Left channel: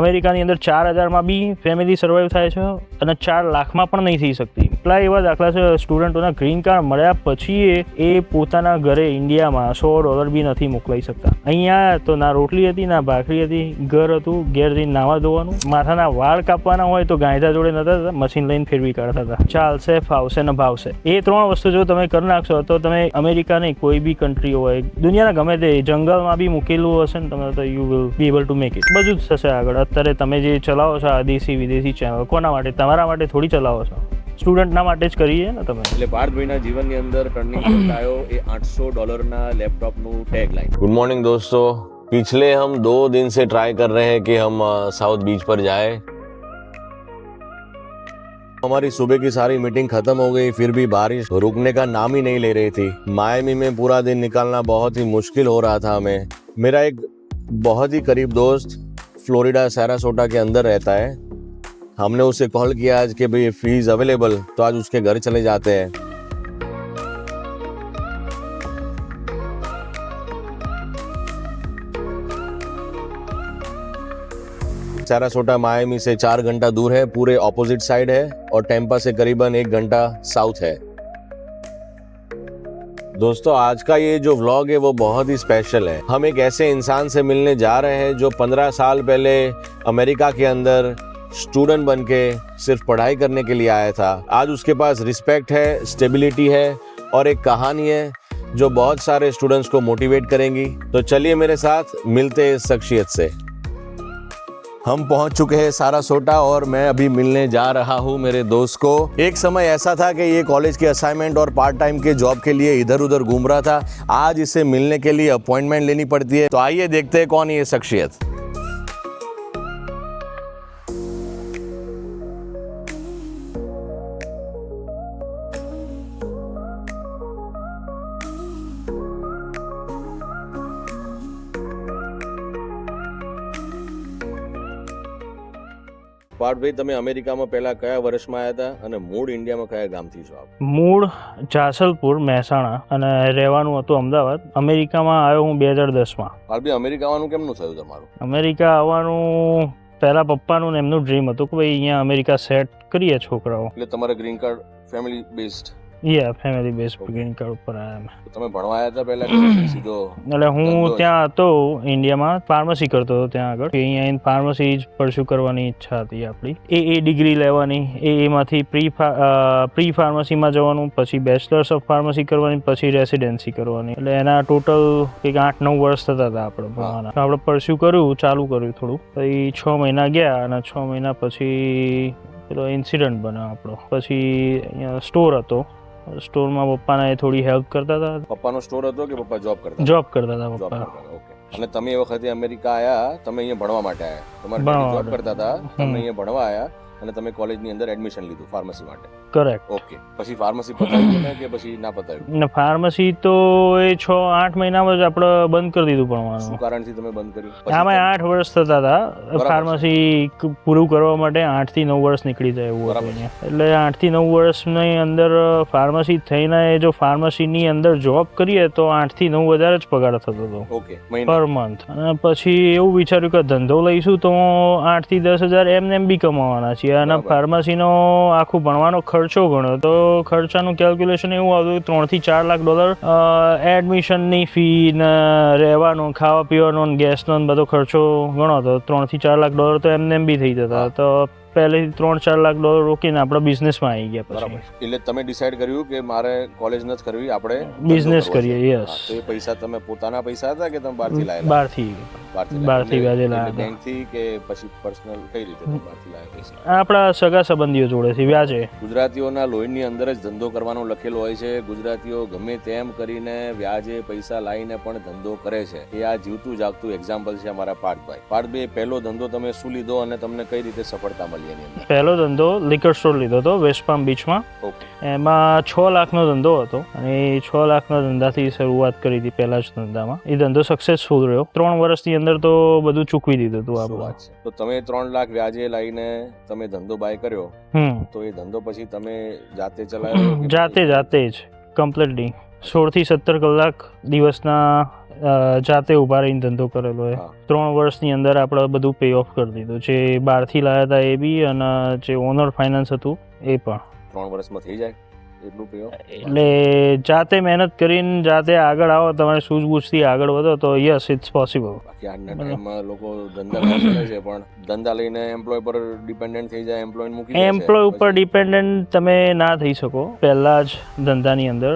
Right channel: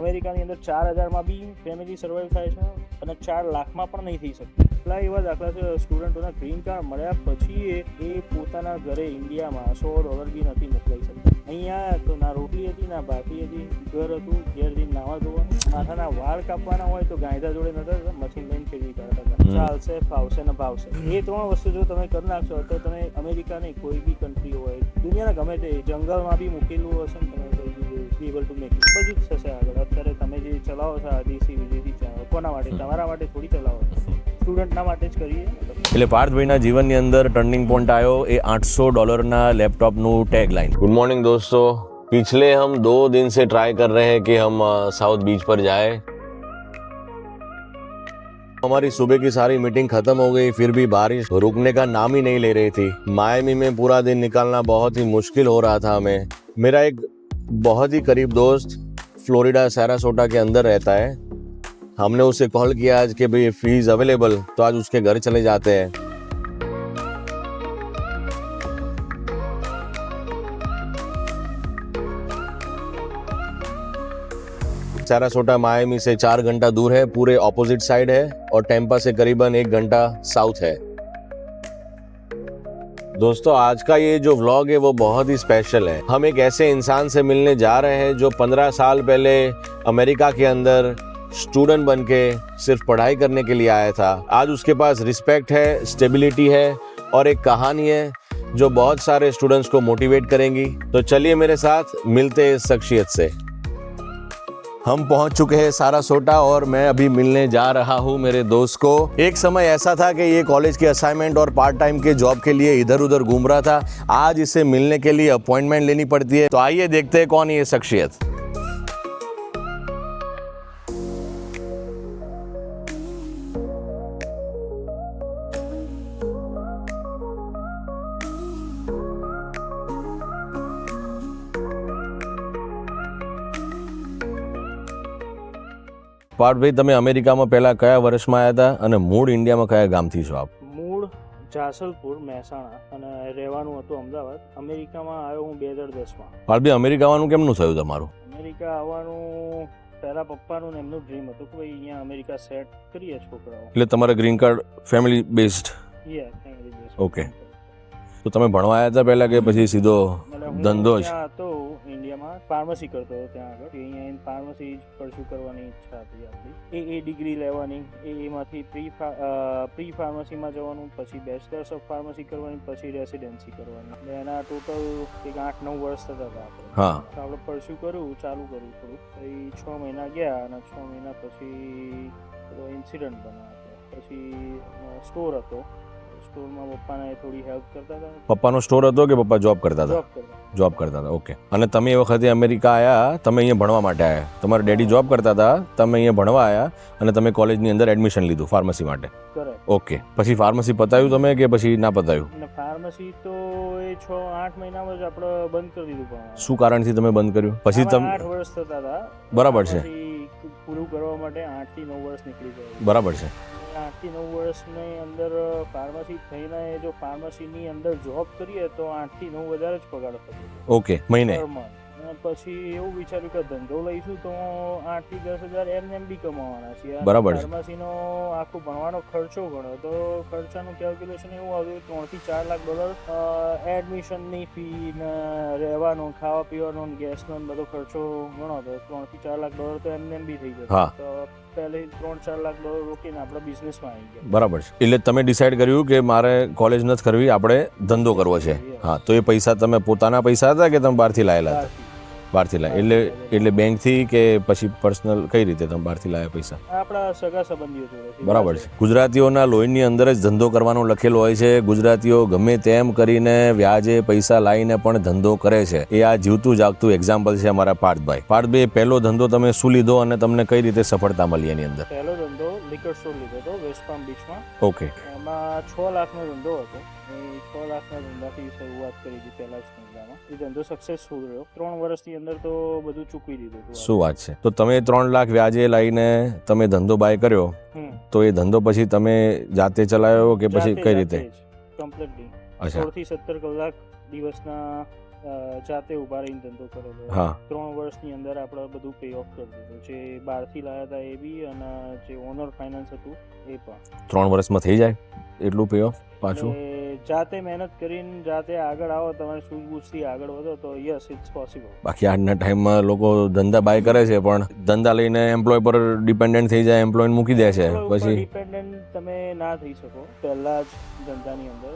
અમેરિકાની અંદર 4,000માં બી family survive થાય છે અને 4 લાખમાં પણ નહીં થઈ શકતી. એટલા એવા દાખલા છે સ્ટુડન્ટોના ગ્રીન કાર્ડ મળ્યા પછી એ પોતાના ઘરે ઇન્ડિયામાં $100 બી નથી મોકલાઈ શકતા. અહીંયા તો ના રોટલી હતી, ના ભાખરી હતી, ઘર હતું, ઘેર જઈને નાવા ધોવાનું, માથાના વાળ કાપવાના હોય તો ગાયધા જોડે નતા, મશીન લઈને ફેરવી કાઢતા હતા. ચાલશે, ફાવશે ને ભાવશે. એ 3 વસ્તુ જો તમે કરી નાખશો તો તમે અમેરિકા નહીં, કોઈ બી કન્ટ્રી હોય દુનિયાના ગમે તે જંગલમાં બી મૂકેલું હશે ને તમે તો you will be able to make it. બધું જ થશે આગળ. અત્યારે તમે જે ચલાવો છો આ દેશી વિદેશી ચેનલ, કોના માટે? તમારા માટે થોડી ચલાવો છો, સ્ટુડન્ટના માટે જ કરીએ ને તમે. એટલે પાર્થભાઈના જીવનની અંદર ટર્નિંગ પોઈન્ટ આવ્યો એ $800 લેપટॉपનું टैग लाइन। गुड मॉर्निंग दोस्तों, पिछले हम 2 दिन से ट्राई कर रहे हैं कि हम साउथ बीच पर जाए। हमारी सुबह की सारी मीटिंग खत्म हो गई, फिर भी बारिश रुकने का नाम ही नहीं ले रही थी। मायामी में पूरा दिन निकालना बहुत ही मुश्किल हो रहा था हमें। मेरा एक बहुत ही करीब दोस्त फ्लोरिडा सैरासोटा के अंदर रहता है। हमने उसे कॉल किया आज कि भाई इफ ही इज अवेलेबल तो आज उसके घर चले जाते हैं। सैरासोटा मायामी से 4 घंटा दूर है, पूरे ऑपोजिट साइड है, और टेम्पा से करीबन 1 घंटा साउथ है। दोस्तों आज का ये जो व्लॉग है वो बहुत ही स्पेशल है। हम एक ऐसे इंसान से मिलने जा रहे हैं जो 15 साल पहले अमेरिका के अंदर स्टूडेंट बन के सिर्फ पढ़ाई करने के लिए आया था। आज उसके पास रिस्पेक्ट है, स्टेबिलिटी है और एक कहानी है जो बहुत सारे स्टूडेंट्स को मोटिवेट करेंगी। तो चलिए मेरे साथ मिलते हैं इस शख्सियत से। हम पहुंच चुके हैं सारासोटा और मैं अभी मिलने जा रहा हूं मेरे दोस्त को। एक समय ऐसा था कि ये कॉलेज के असाइनमेंट और पार्ट टाइम के जॉब के लिए इधर उधर घूम रहा था। आज इसे मिलने के लिए अपॉइंटमेंट लेनी पड़ती है। तो आइए देखते हैं कौन है ये शख्सियत। પાર્થભાઈ, તમે અમેરિકામાં પહેલા કયા વર્ષમાં આવ્યા હતા અને મૂળ ઇન્ડિયામાં કયા ગામથી છો આપ? મૂળ જાસલપુર, મહેસાણા, અને રહેવાનું હતું અમદાવાદ. અમેરિકામાં આવ્યો હું 2010માં. પાર્થભાઈ, અમેરિકા આવવાનું કેમનું થયું તમારું? અમેરિકા આવવાનું પહેલા પપ્પાનું ને એમનું ડ્રીમ હતું કે ભાઈ અહીંયા અમેરિકા સેટ કરીએ છોકરાઓ. એટલે તમારા green card family based? Family base Okay. Green card ઉપર આવ્યા. તો તમે ભણવા આવ્યા હતા પહેલા કે પછી સીધો એટલે હું ધંધો જ? ત્યાં હતો ઇન્ડિયામાં, ફાર્મસી કરતો હતો ત્યાં આગળ. અહીંયા આવીને ફાર્મસી જ પરસ્યુ કરવાની ઈચ્છા હતી આપણી. એ ડિગ્રી લેવાની, એમાંથી પ્રી ફાર્મસીમાં જવાનું, પછી બેચલર્સ ઓફ ફાર્મસી કરવાની, પછી રેસિડેન્સી કરવાની. એટલે એના ટોટલ કંઈક 8-9 વર્ષ થતા હતા આપણે ભણવાના. આપણે પરસ્યુ કર્યું, ચાલુ કર્યું થોડું. પછી 6 મહિના ગયા અને 6 મહિના પછી પેલો ઇન્સિડન્ટ બન્યો આપણો. પછી અહીંયા સ્ટોર હતો, સ્ટોરમાં પપ્પાને થોડી હેલ્પ કરતા હતા. પપ્પાનો સ્ટોર હતો કે પપ્પા જોબ કરતા હતા? જોબ કરતા હતા. જોબ કરતા હતા, ઓકે. અને તમે એ વખતે અમેરિકા આવ્યા, તમે અહીંયા ભણવા માટે આવ્યા. તમારા ડેડી જોબ કરતા હતા, તમે અહીંયા ભણવા આવ્યા અને તમે કોલેજની અંદર એડમિશન લીધું ફાર્મસી માટે? કરેક્ટ. ઓકે. પછી ફાર્મસી પતાવ્યું તમે કે પછી ના પતાવ્યું? ને ફાર્મસી તો એ 6-8 મહિનામાં જ આપણે બંધ કરી દીધું ભણવાનું. શું કારણથી તમે બંધ કર્યું? પછી આમાં તમે 8 વર્ષ થતા હતા. બરાબર છે. ફાર્મસી પૂરું કરવા માટે 8 થી 9 વર્ષ નીકળી જાય એવું. બરાબર છે. એટલે 8 થી 9 વર્ષની અંદર ફાર્મસી થઈને જો ફાર્મસીની અંદર જોબ કરીએ તો 8 થી 9 હજાર જ પગાર થતો હતો. ઓકે, મહિને? Per month. અને પછી એવું વિચાર્યું કે ધંધો લઈશું તો 8 થી 10 હજાર એમને એમ બી કમાવાના છીએ. અને બરાબર છે. ફાર્મસીનો આખું ભણવાનો ખર્ચો ગણ્યો તો ખર્ચાનું કેલ્ક્યુલેશન એવું આવ્યું કે $3 થી $4 લાખ એડમિશનની ફી ને રહેવાનો, ખાવા પીવાનો, ગેસનો બધો ખર્ચો ગણો તો $3 થી $4 લાખ તો એમને એમ બી થઈ જતા. તો પહેલેથી $3-4 લાખ રોકીને આપણે બિઝનેસમાં આવી ગયા. બરાબર છે. એટલે તમે ડિસાઈડ કર્યું કે મારે કોલેજ નથી કરવી, આપણે ધંધો બિઝનેસ કરવો છે. કરીએ. હા, તો એ પૈસા તમે પોતાના પૈસા હતા કે તમે બહારથી લાયેલા? બહારથી એટલે લાયેલા. બેંકથી કે પછી પર્સનલ કઈ રીતે તમે બહારથી લાવ્યા પૈસા? આપણા સગા સંબંધીઓ જોડેથી બરાબર વ્યાજે. છે. ગુજરાતીઓના લોહીની અંદર જ ધંધો કરવાનો લખેલો હોય છે. ગુજરાતીઓ ગમે તેમ કરીને વ્યાજે પૈસા લાવીને પણ ધંધો કરે છે. એ આ જીવતું જાગતું એક્ઝામ્પલ છે અમારા પાર્થભાઈ. પાર્થભાઈ, પહેલો ધંધો તમે શું લીધો અને તમને કઈ રીતે સફળતા મળી એની અંદર? પહેલો ધંધો લિકર સ્ટોર લીધો હતો વેસ્ટ પામ બીચમાં. ઓકે. એમાં 6 લાખનો ધંધો હતો અને એ 6 લાખના ધંધાથી શરૂઆત કરી હતી પહેલા જ ધંધામાં. એ ધંધો સક્સેસફુલ રહ્યો. 3 વર્ષની અંદર તો બધું ચૂકવી દીધું હતું. શું વાત છે! તો તમે 3 લાખ વ્યાજે લઈને તમે ધંધો બાય કર્યો, તો એ ધંધો પછી તમે જાતે ચલાવ્યો કે પછી કઈ રીતે? જાતે જ કમ્પ્લીટલી 16 થી 17 કલાક દિવસના જાતે ઊભા રહીને ધંધો કરેલો હોય. હા 3 વર્ષની અંદર આપણે બધું પે ઓફ કરી દીધું. જે બહારથી લાવ્યા હતા એ બી અને જે ઓનર ફાઇનાન્સ હતું એ પણ. 3 વર્ષમાં થઈ જાય એટલું પે ઓફ? એટલે જાતે મહેનત કરીને જાતે આગળ આવો, તમારે સૂઝબૂછથી આગળ વધો તો યસ ઇટ્સ પોસિબલ. બાકી આજના ટાઈમમાં લોકો ધંધા બાય કરે છે પણ ધંધા લઈને એમ્પ્લોય પર ડિપેન્ડન્ટ થઈ જાય, એમ્પ્લોય મૂકી દે છે. એમ્પ્લોય ઉપર ડિપેન્ડન્ટ તમે ના થઈ શકો પહેલા જ ધંધાની અંદર.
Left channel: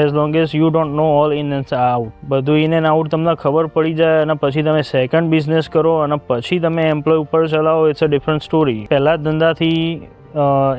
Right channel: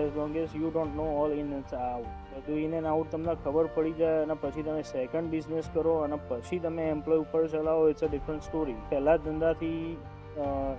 As long as you don't know all in and out, બધું ઇન એન્ડ આઉટ તમને ખબર પડી જાય અને પછી તમે સેકન્ડ બિઝનેસ કરો અને પછી તમે એમ્પ્લોય ઉપર ચલાવો, ઇટ્સ અ ડિફરન્ટ સ્ટોરી. પહેલા જ ધંધાથી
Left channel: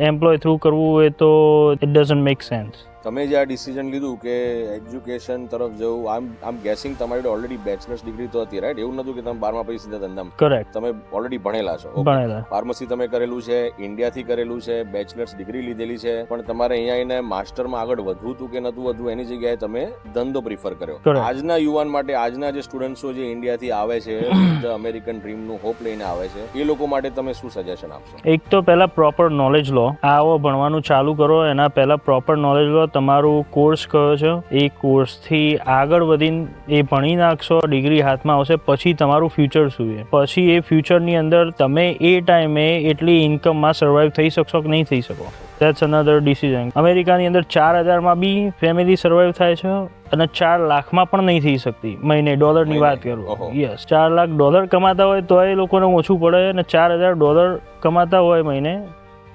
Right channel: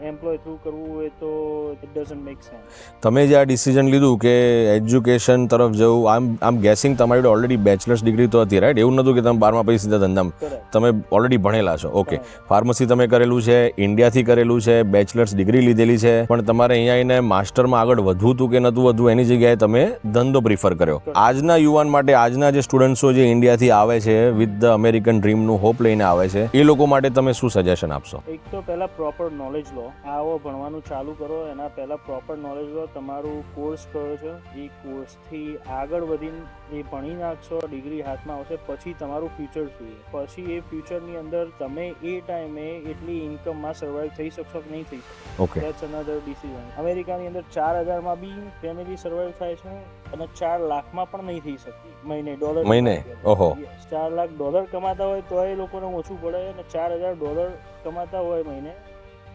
એમ્પ્લોય થ્રુ કરવું એ તો ઇટ ડઝન્ટ મેક સેન્સ. તમે જે આ ડિસિઝન લીધું કે એજ્યુકેશન તરફ જવું, આમ ગેસિંગ તમારી જોડે ઓલરેડી બેચલર્સ ડિગ્રી તો હતી, રાઈટ? એવું નતું કે તમે 12મા પછી સીધા ધંધામાં? કરેક્ટ. તમે ઓલરેડી ભણેલા છો. ઓકે. ફાર્મસી તમે કરેલું છે, ઇન્ડિયાથી કરેલું છે, બેચલર્સ ડિગ્રી લીધેલી છે, પણ તમારે અહીંયા આવીને માસ્ટરમાં આગળ વધવું હતું કે નતું વધવું એની જગ્યાએ તમે ધંધો પ્રિફર કર્યો. આજના યુવાન માટે, આજના જે સ્ટુડન્ટ્સો જે ઇન્ડિયાથી આવે છે વિથ ધ અમેરિકન ડ્રીમનું હોપ લઈને આવે છે, એ લોકો માટે તમે શું સજેશન આપશો? એક તો પહેલા પ્રોપર નોલેજ લો. આવો ભણવાનું ચાલુ કરો એના પહેલા પ્રોપર નોલેજ લો. તમારું કોર્સ કયો છે, એ કોર્સથી આગળ વધીને એ ભણી નાખશો, ડિગ્રી હાથમાં આવશે, પછી તમારું ફ્યુચર શું છે, પછી એ ફ્યુચરની અંદર તમે એ ટાઈમે એટલી ઇન્કમમાં સર્વાઈવ થઈ શકશો કે નહીં થઈ શકો. That's another decision. અમેરિકાની અંદર 4,000માં બી ફેમિલી સર્વાઈવ થાય છે અને 4 લાખમાં પણ નહીં થઈ શકતી મહિને. ડોલરની વાત કરું, યસ, 4 લાખ ડોલર કમાતા હોય તો એ લોકોને ઓછું પડે અને 4,000 ડોલર કમાતા હોય મહિને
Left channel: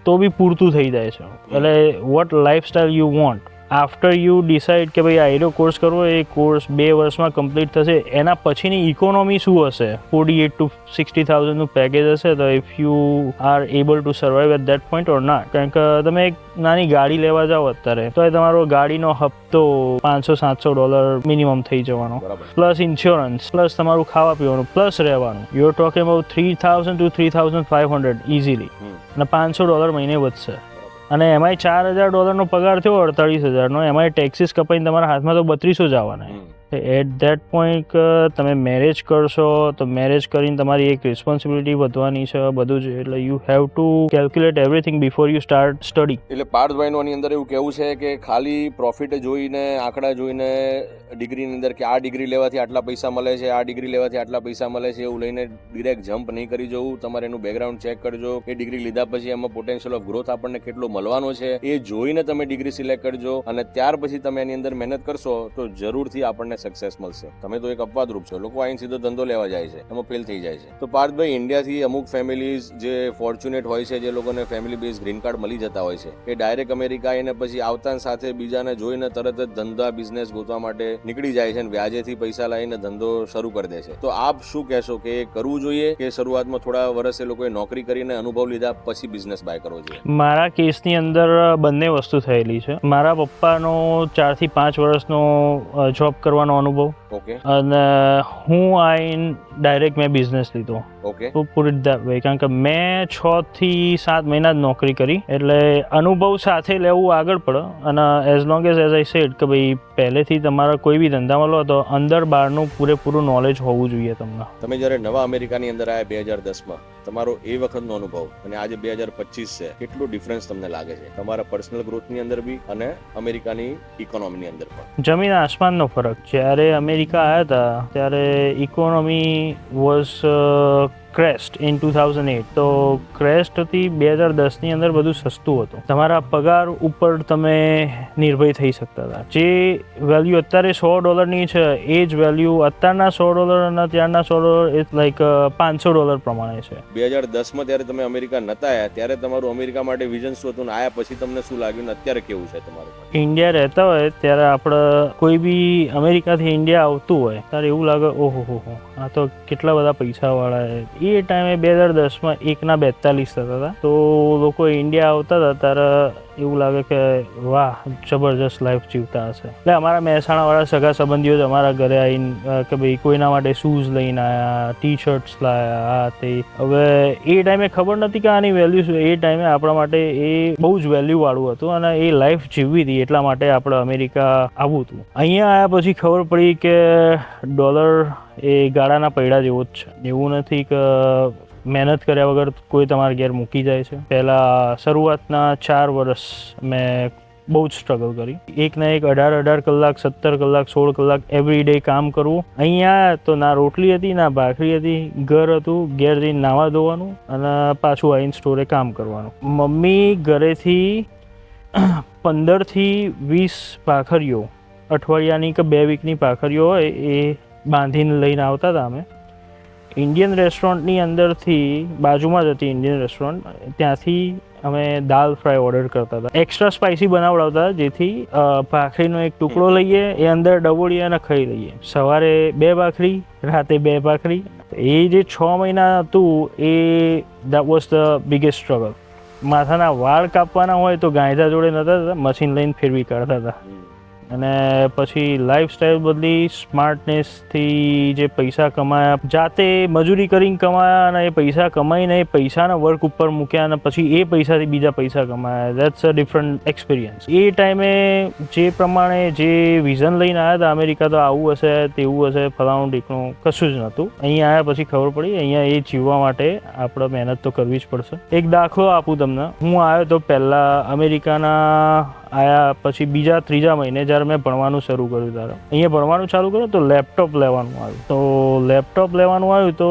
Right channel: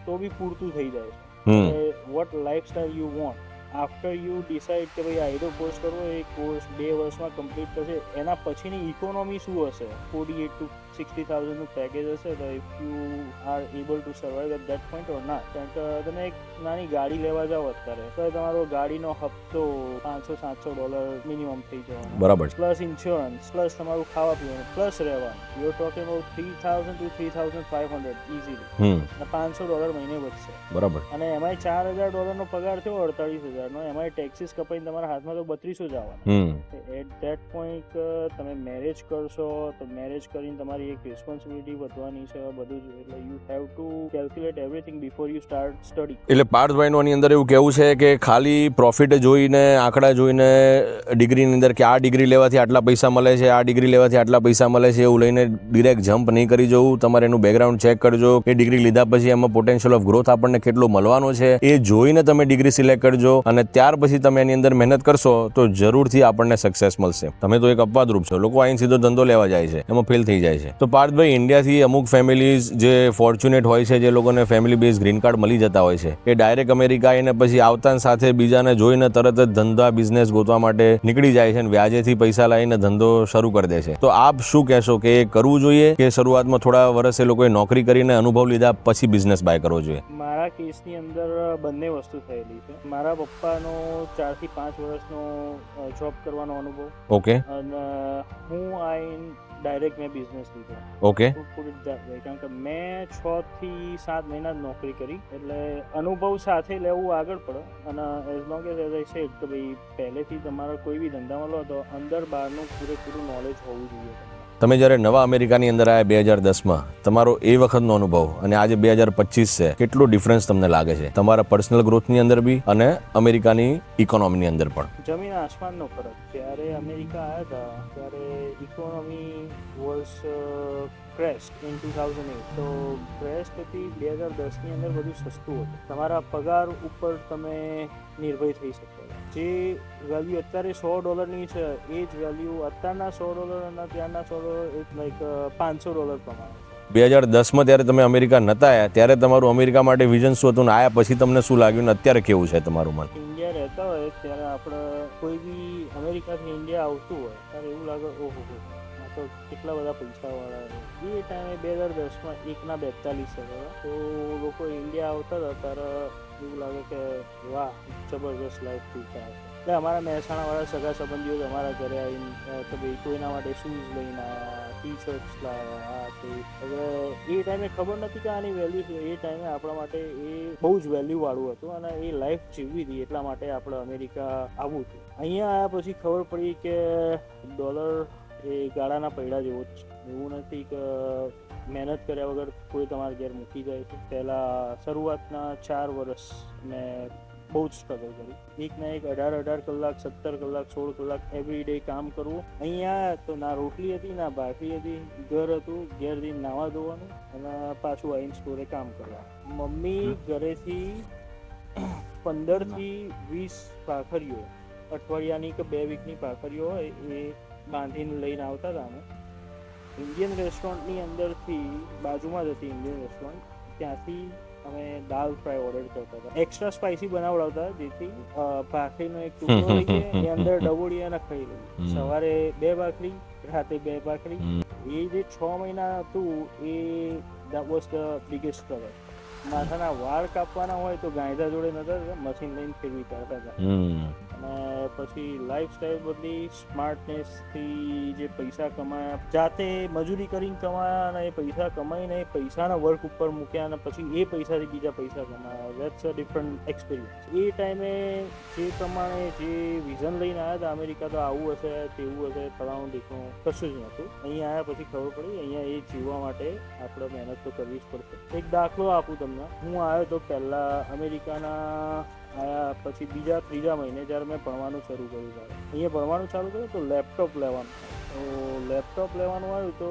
તો બી પૂરતું થઈ જાય છે. એટલે what lifestyle you want after you decide કે ભાઈ આ એનો કોર્સ કરવો, એ કોર્સ 2 વર્ષમાં કમ્પ્લીટ થશે, એના પછીની ઇકોનોમી શું હશે, 48,000 to 60,000નું પેકેજ હશે, તો if you are able to survive at that point or not. કારણ કે તમે એક નાની ગાડી લેવા જાઓ અત્યારે તો એ તમારો ગાડીનો હપ્તો $500-700 મિનિમમ થઈ જવાનો, બરાબર, પ્લસ ઇન્સ્યોરન્સ, પ્લસ તમારું ખાવા પીવાનું, પ્લસ રહેવાનું. You are talking about 3,000 to 3,500 easily, અને $500 મહિને વધશે. બરાબર. અને એમાંય $4,000નો પગાર થયો 48,000 નો, એમાં ટેક્સીસ કપાઈને તમારા હાથમાં તો 3200 જ આવવાના. એટ ધેટ પોઈન્ટ તમે મેરેજ કરશો તો મેરેજ કરીને તમારી એક રિસ્પોન્સિબિલિટી વધવાની છે, બધું જ. એટલે you have to calculate everything before you start study. એટલે પાર્થભાઈનું આની અંદર એવું કહેવું છે કે ખાલી પ્રોફિટ જોઈને, આંકડા જોઈને ડિગ્રીની અંદર કે આ ડિગ્રી લેવાથી આટલા પૈસા મળે છે, આ ડિગ્રી લેવાથી આટલા પૈસા મળે છે, એવું લઈને ડિરેક્ટ જમ્પ નહીં કરી જવું. તમારે એનું બેકગ્રાઉન્ડ ચેક કરજો કે ડિગ્રી લીધા પછી એમાં પોટેન્શિયલ ઓફ ગ્રોથ આપણને કેટલો મળવાનો છે, એ જોઈને તમે ડિગ્રી સિલેક્ટ કરજો અને ત્યાર પછી તમે એની અંદર મહેનત કરશો તો જરૂરથી આપણને સક્સેસ મળશે. તમે તો એક અપવાદરૂપ છો, લોકો અહીં સીધો ધંધો લેવા જાય છે, એમાં ફેલ થઈ જાય છે. તો પાર્થભાઈ, ઇન્ડિયાથી અમુક ફેમિલીઝ જે ફોર્ચ્યુનેટ હોય છે, જે લોકોને ફેમિલી બેઝ ગ્રીન કાર્ડ મળી જતા હોય છે, એ ડાયરેક્ટ અમેરિકા આવીને પછી આવતા સાથે બીજાને જોઈને તરત જ ધંધા બિઝનેસ ગોતવા માટે નીકળી જાય છે અને વ્યાજેથી પૈસા લાવીને ધંધો શરૂ કરી દે છે. તો આપ શું કહેશો કે એ કરવું જોઈએ કે શરૂઆતમાં થોડા વર્ષ એ લોકોએ નોકરી કરીને અનુભવ લીધા પછી બિઝનેસ બાય કરવો જોઈએ? મારા કેસની અંદર બંને વસ્તુ થયેલી છે. મારા પપ્પાનો 4 થી 5 વર્ષનો જોબ કરવાનો અનુભવ. ઓકે. અને હું આઈન ડાયરેક્ટ મેં બિઝનેસ લીધો. ઓકે. તો પુટ ઇટ ધેટ વે. કારણ કે મેં 6 થી 7 મહિના જ નોકરી કરી, એટલે અનુભવ સાથે લેવું આગળ પડે. અને as long as I said કે ભાઈ પહેલેથી તમારા કોઈ બી ધંધામાં લો તો અંદર બહારનું પૂરેપૂરું નોલેજ હોવું જોઈએ તમને. તમે જ્યારે નવા અમેરિકાની અંદર આવ્યા 2010માં, તમારો એ વખતનો અનુભવ અને આજે 2025 છે, કેટલો ડિફરન્સ તમને લાગે છે તમારા પર્સનલ ગ્રોથની અંદર બી અને અમેરિકાની ઇકોનોમીની અંદર પણ? જમીન આસમાનનો ફરક. જ્યારે અમેરિકા આવ્યા હતા ત્યારે ઇકોનોમી વોઝ ક્રેસ્ટ ઇન 2008. તો ક્રેસ્ટ હતી 2010ની અંદર, બધું સસ્તું હતું, તમારા પગાર ઉપર તમે નિર્ભય થઈ શકતા હતા. જે વેલ્યુ અત્યારે $100 છે, એ જ વેલ્યુ અત્યારના $100 અને ત્યારના $100 ઇટ્સ લાઈક $500 પ્રમાણે છે. 2010માં ત્યારે તમે અમેરિકા નતા આવ્યા ત્યારે તમારું અમેરિકા માટે વિઝન શું હતું, ને આયા પછી તમને શું લાગ્યું ને અત્યારે કેવું છે તમારું મન? ઇન્ડિયા રહેતા હોય ત્યારે આપણે કોઈ બી અમેરિકાથી ઇન્ડિયા આવતું હોય ત્યારે એવું લાગે ઓહો હો, આ તો કેટલા બધા પૈસાવાળા છે. એ ટાઈમે 2010માં 1/42 થતા હતા. તો લોકો ઇન્ડિયા આવતા હતા ત્યારે એવું લાગે કે વાહ, જબરજસ્ત લાઈફ જીવતા હશે. એટલે અમારા મહેસાણાવાળા સગા સંબંધીઓ જ અમારા ઘરે આવીને કે ભાઈ કોઈના માટે શૂઝ લઈને આવ્યા, ટી શર્ટ્સ લાવ્યા, આ તે. હવે એ ટાઈમે ખબર નથી કે આની વેલ્યુ શું. એ ટાઈમે આપણા માટે એ બહુ જ વેલ્યુવાળું હતું અને એ લાઈફ જીવવી હતી, એટલા માટે આપણે અમેરિકા આવવું હતું. અહીંયા આવ્યા પછી ખબર પડી કે ડોલર એ ગાડાના પૈડા જેવો જ છે. એવું નથી કે મહેનત કર્યા વગર કોઈ તમારા ઘેર મૂકી જાય છે. પહેલાં શરૂઆતના 4 વર્ષ મેં બહુ જ સ્ટ્રગલ કરી. એક ના એક 18 કલાક 17 કલાક 16 કલાક એવરી ડે કામ કરવું. અહીંયા તો ના રોટલી હતી ના ભાખરી હતી, ઘર હતું, ઘેર જઈને નાવા ધોવાનું અને પાછું આવીને સ્ટોરે કામ કરવાનું. મમ્મી ઘરેથી 15 થી 20 ભાખરીઓ અઠવાડિયાની કે 2 વીકની ભાખરીઓ હોય એ બાંધીને લઈને આવતા હતા. અમે ઇન્ડિયન રેસ્ટોરન્ટની અંદરથી બાજુમાં જ હતી ઇન્ડિયન રેસ્ટોરન્ટ, ત્યાંથી અમે દાલ ફ્રાય ઓર્ડર કરતા હતા. એક્સ્ટ્રા સ્પાઇસી બનાવડાવતા જેથી ભાખરીનો એક ટુકડો લઈએ એ અંદર ડબોળીએ અને ખાઈ લઈએ. સવારે 2 ભાખરી, રાતે 2 ભાખરી. એ જે 6 મહિના હતું એ that was the biggest struggle. માથાના વાળ કાપવાના હોય તો ગાંયધા જોડે નતા, મશીન લઈને ફેરવી કાઢતા હતા. અને પછી લાઈફસ્ટાઈલ બદલી, સ્માર્ટનેસથી જે પૈસા કમાયા, જાતે મજૂરી કરીને કમાયા અને એ પૈસા કમાઈને એ પૈસાના વર્ક ઉપર મૂક્યા અને પછી એ પૈસાથી બીજા પૈસા કમાયા. That's a different experience. એ ટાઈમે જે પ્રમાણે જે વિઝન લઈને આવ્યા હતા અમેરિકા, તો આવું હશે તેવું હશે ફલાણું ઢીકણું, કશું જ નહોતું. અહીંયા આવ્યા પછી ખબર પડી અહીંયા એ જીવવા માટે આપણે મહેનત તો કરવી જ પડશે. એક દાખલો આપું તમને. હું આવ્યો તો પહેલાં અમેરિકાના આયા પછી બીજા 3જા મહિને જ્યારે મેં ભણવાનું શરૂ કર્યું ત્યારે અહીંયા ભણવાનું ચાલુ કર્યું તો લેપટોપ લેવાનું આવ્યું. તો લેપટોપ લેવાનું આવ્યું તો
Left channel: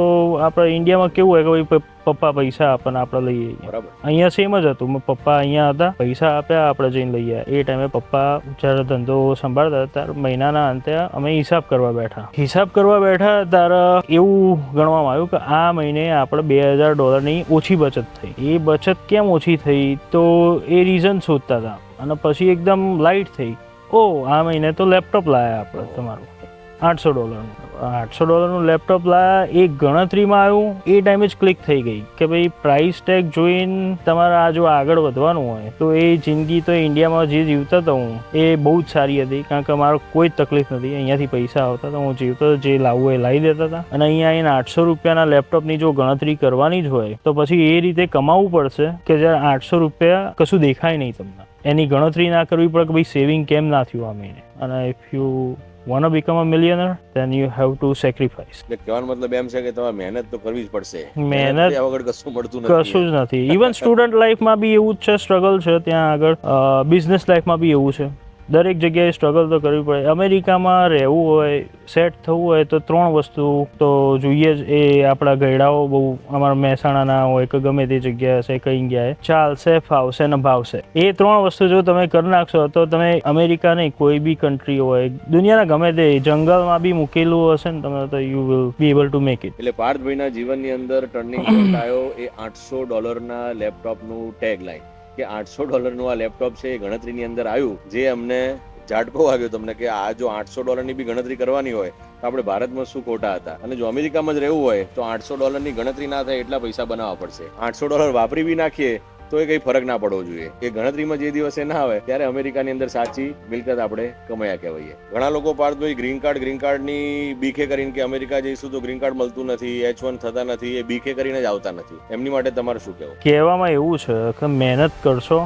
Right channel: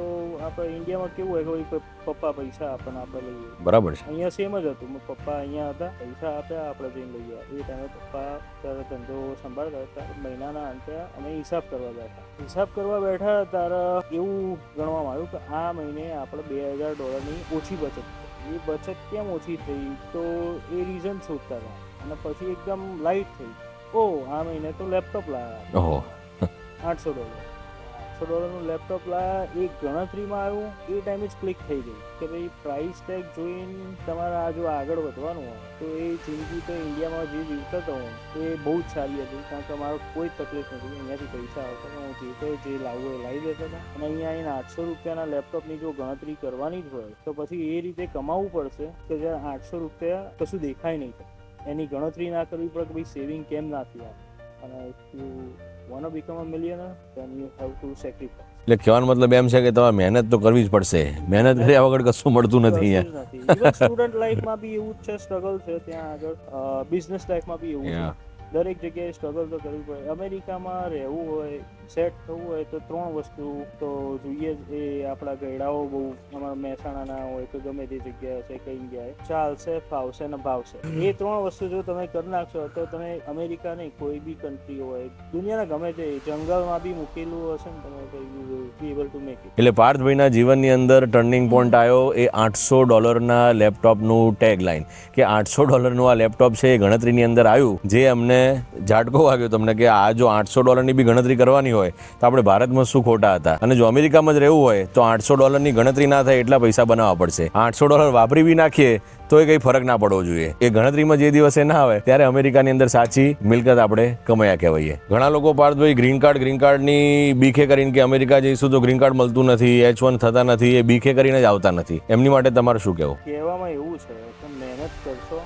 આપણે ઇન્ડિયામાં કેવું હોય કે ભાઈ પપ્પા પૈસા આપે ને આપણે લઈએ. બરાબર છે. અહીંયા સેમ જ હતું. પપ્પા અહીંયા હતા, પૈસા આપ્યા, આપણે જઈને લઈએ. એ ટાઈમે પપ્પા જ્યારે ધંધો સંભાળતા ત્યારે મહિનાના અંતે અમે હિસાબ કરવા બેઠા. હિસાબ કરવા બેઠા ત્યારે એવું ગણવામાં આવ્યું કે આ મહિને આપણે $2000 ઓછી બચત થઈ. એ બચત કેમ ઓછી થઈ તો એ રીઝન શોધતા હતા અને પછી એકદમ લાઇટ થઈ. આ મહિને તો લેપટોપ લાયા આપણે તમારું $800નું લેપટોપ લાયા. એ ગણતરીમાં આવ્યું. એ ટાઈમે જ ક્લિક થઈ ગઈ કે ભાઈ પ્રાઇસ ટેગ જોઈને તમારે આ જો આગળ વધવાનું હોય તો એ જિંદગી તો ઇન્ડિયામાં જે જીવતા હતો હું એ બહુ જ સારી હતી, કારણ કે મારો કોઈ જ તકલીફ નથી. અહીંયાથી પૈસા આવતા હતા, હું જીવતો જે લાવવું એ લાવી દેતા હતા. અને અહીંયા આવીને $800 લેપટોપની જો ગણતરી કરવાની જ હોય તો પછી એ રીતે કમાવવું પડશે કે જ્યારે $800 કશું દેખાય નહીં તમને. એની ગણતરી ના કરવી પડે કે ભાઈ સેવિંગ કેમ ના થયું આ મહિને. અને if you wanna become a millionaire then you have to sacrifice. એટલે કહેવાનો મતલબ એમ છે કે તમારે મહેનત તો કરવી જ પડશે. મહેનત કર્યા વગર કશું મળતું નથી. કશું જ નથી. ઇવન સ્ટુડન્ટ લાઈફમાં બી એવું જ છે, સ્ટ્રગલ છે ત્યાં આગળ. બિઝનેસ લાઈફમાં બી એવું છે. દરેક જગ્યાએ સ્ટ્રગલ તો કરવી પડે. અમેરિકામાં રહેવું હોય, સેટ થવું હોય તો 3 વસ્તુ તો જોઈએ જ. એ આપણા ગયડાઓ બહુ અમારા મહેસાણાના હોય કે ગમે તે જગ્યાએ હશે, કઈ જગ્યાએ ચાલશે, ફાવશે ને ભાવશે. એ 3 વસ્તુ જો તમે કરી નાખશો તો તમે અમેરિકા નહીં કોઈ બી કન્ટ્રી હોય, દુનિયાના ગમે તે જંગલમાં બી મૂકેલું હશે ને તમે તો you will be able to make it. એટલે પાર્થભાઈના જીવનની અંદર ટર્નિંગ પોઈન્ટ આવ્યો એ $800 લેપટોપનું ટેગ લાઈન કે $800 આ લેપટોપ છે એ ગણતરીની અંદર આવ્યું, જે અમને ઝાટકો વાગ્યો તમને કે આ જો $800 બી ગણતરી કરવાની હોય તો આપણે ભારતમાં શું ખોટા હતા. અને જો અમેરિકામાં જ રહેવું હોય તો $800 ગણતરી ના થાય એટલા પૈસા બનાવવા પડશે. $800 વાપરી બી નાખીએ તો એ કંઈ ફરક ના પડવો જોઈએ. એ ગણતરીમાં જે દિવસે ના આવે ત્યારે અમેરિકાની અંદર સાચી મિલકત આપણે કમાયા કહેવાય. ઘણા લોકો પાર્થભાઈ ગ્રીન કાર્ડની બીખે કરીને કે અમેરિકા જઈશું તો ગ્રીન કાર્ડ મળતું નથી, H1 થતા નથી, એ બીખે કરીને જ આવતા નથી. એમની માટે તમારે શું કહેવું? કહેવામાં એવું છે કે મહેનત કરશો,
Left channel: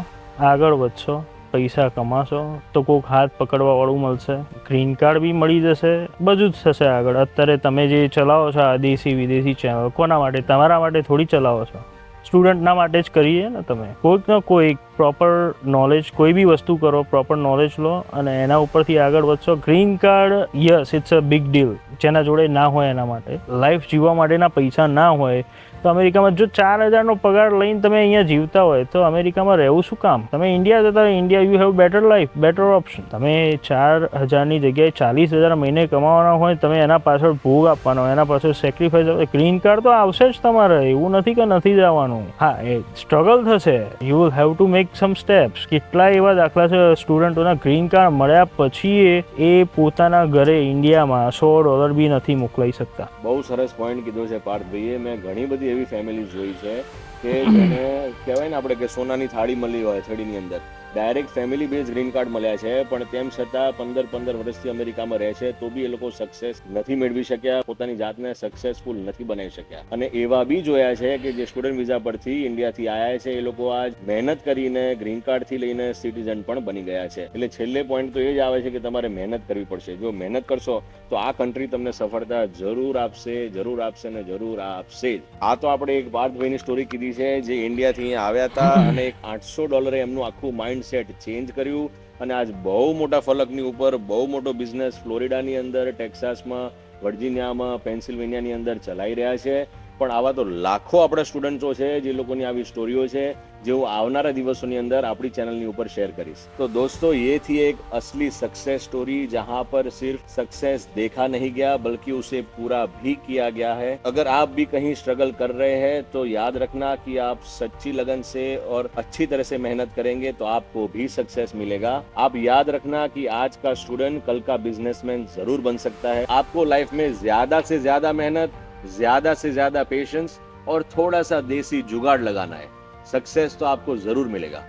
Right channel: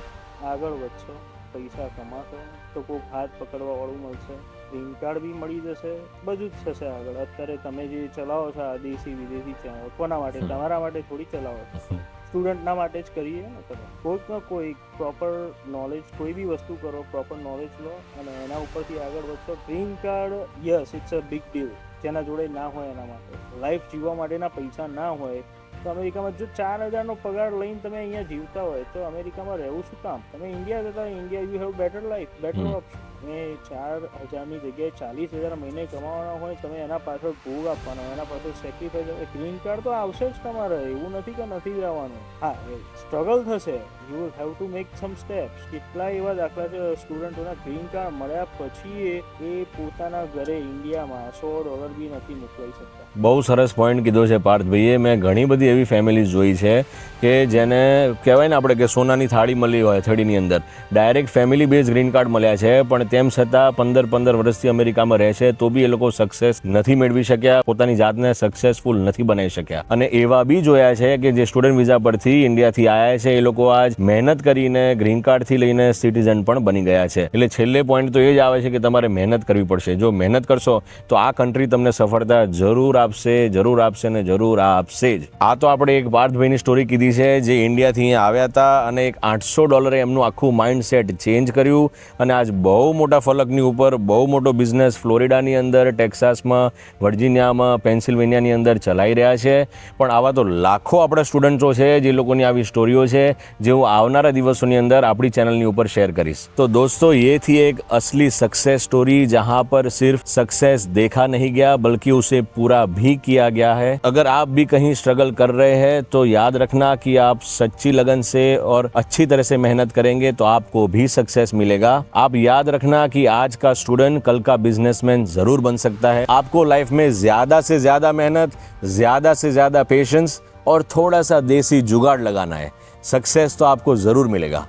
આગળ વધશો, પૈસા કમાશો તો કોઈક હાથ પકડવા વાળું મળશે, ગ્રીન કાર્ડ બી મળી જશે, બધું જ થશે આગળ. અત્યારે તમે જે ચલાવો છો આ દેશી વિદેશી ચેનલ કોના માટે? તમારા માટે થોડી ચલાવો છો. સ્ટુડન્ટના માટે જ કરીએ ને. તમે કોઈક ને કોઈક પ્રોપર નોલેજ, કોઈ બી વસ્તુ કરો, પ્રોપર નોલેજ લો અને એના ઉપરથી આગળ વધશો. Green card yes it's a big deal. જેના જોડે ના હોય એના માટે, લાઈફ જીવવા માટેના પૈસા ના હોય તો અમેરિકામાં જો 4000નો પગાર લઈને તમે અહીંયા જીવતા હોય તો અમેરિકામાં રહેવું શું કામ? તમે ઇન્ડિયા જતા India you have better life, better option. તમે 4000ની જગ્યાએ 40000 મહિને કમાવાના હોય, તમે એના પાછળ ભોગ આપવાનો, એના પાછળ સેક્રિફાઈસ. ગ્રીન કાર્ડ તો આવશે જ તમારે, એવું નથી કે નથી જવાનું. હા, એ સ્ટ્રગલ થશે. You will have to make sum steps. કેટલાય એવા દાખલા છે સ્ટુડન્ટોના ગ્રીન કાર્ડ મળ્યા પછી એ પોતાના ઘરે ઇન્ડિયામાં $100 બી નથી મોકલાઈ શકતા. બહુ સરસ પોઈન્ટ કીધો છે પાર્થભાઈએ. મેં ઘણી બધી એવી ફેમિલીઝ જોઈ છે કે જેને કહેવાય ને આપણે કે સોનાની થાળી મળી હોય થડીની અંદર, direct family base green card મળ્યા છે, પણ તેમ છતાં 15 વર્ષથી અમેરિકામાં રહે છે તો બી એ લોકો સક્સેસ નથી મેળવી શક્યા, પોતાની જાતને સક્સેસફુલ નથી બનાવી શક્યા. અને એવા બી જોયા છે કે જે સ્ટુડન્ટ વિઝા પરથી ઇન્ડિયાથી આવ્યા છે એ લોકો આજ મહેનત કરીને ગ્રીન કાર્ડથી લઈને સિટીઝન પણ બની ગયા છે. એટલે છેલ્લે પોઈન્ટ તો એ જ આવે છે કે તમારે મહેનત કરવી પડશે. જો મહેનત કરશો તો આ કન્ટ્રી તમને સફળતા જરૂર આપશે, જરૂર આપશે ને જરૂર આપશે જ. આ તો આપણે એક પાર્થભાઈની સ્ટોરી કીધી છે જે ઇન્ડિયાથી અહીંયા આવ્યા હતા અને એક $800 એમનું આખું માઇન્ડ સેટ ચેન્જ કર્યું અને આજ બહુ મોટા ફલકની ઉપર બહુ મોટો બિઝનેસ ફ્લોરિડાની અંદર, ટેક્સાસમાં, વર્જિનિયામાં, પેન્સિલ્વેનિયાની અંદર ચલાવી રહ્યા છે. પણ આવા તો લાખો આપણા સ્ટુડન્ટો છે જે લોકોની આવી સ્ટોરીઓ છે જે હું આવનારા દિવસોની અંદર આપણી ચैनल ऊपर शेयर करीश. तो दोस्तों ये थी एक असली सक्सेस स्टोरी जहां पर सिर्फ सक्सेस देखा नहीं गया बल्कि उसे पूरा भी किया गया है. अगर आप भी कहीं स्ट्रगल कर रहे हैं तो याद रखना कि आप सच्ची लगन से और अच्छी तरह से मेहनत करेंगे तो आपको भी सक्सेस मिलेगा. आप याद रखना कि आज का स्टूडेंट कल का बिजनेसमैन जरूर बन सकता है. आपको लाइफ में ज्यादा से ज्यादा मेहनत, ज्यादा से ज्यादा पेशेंस और थोड़ा सा देसी जुगाड़ लगाना है. सक्सेस तो आपको जरूर मिलेगा.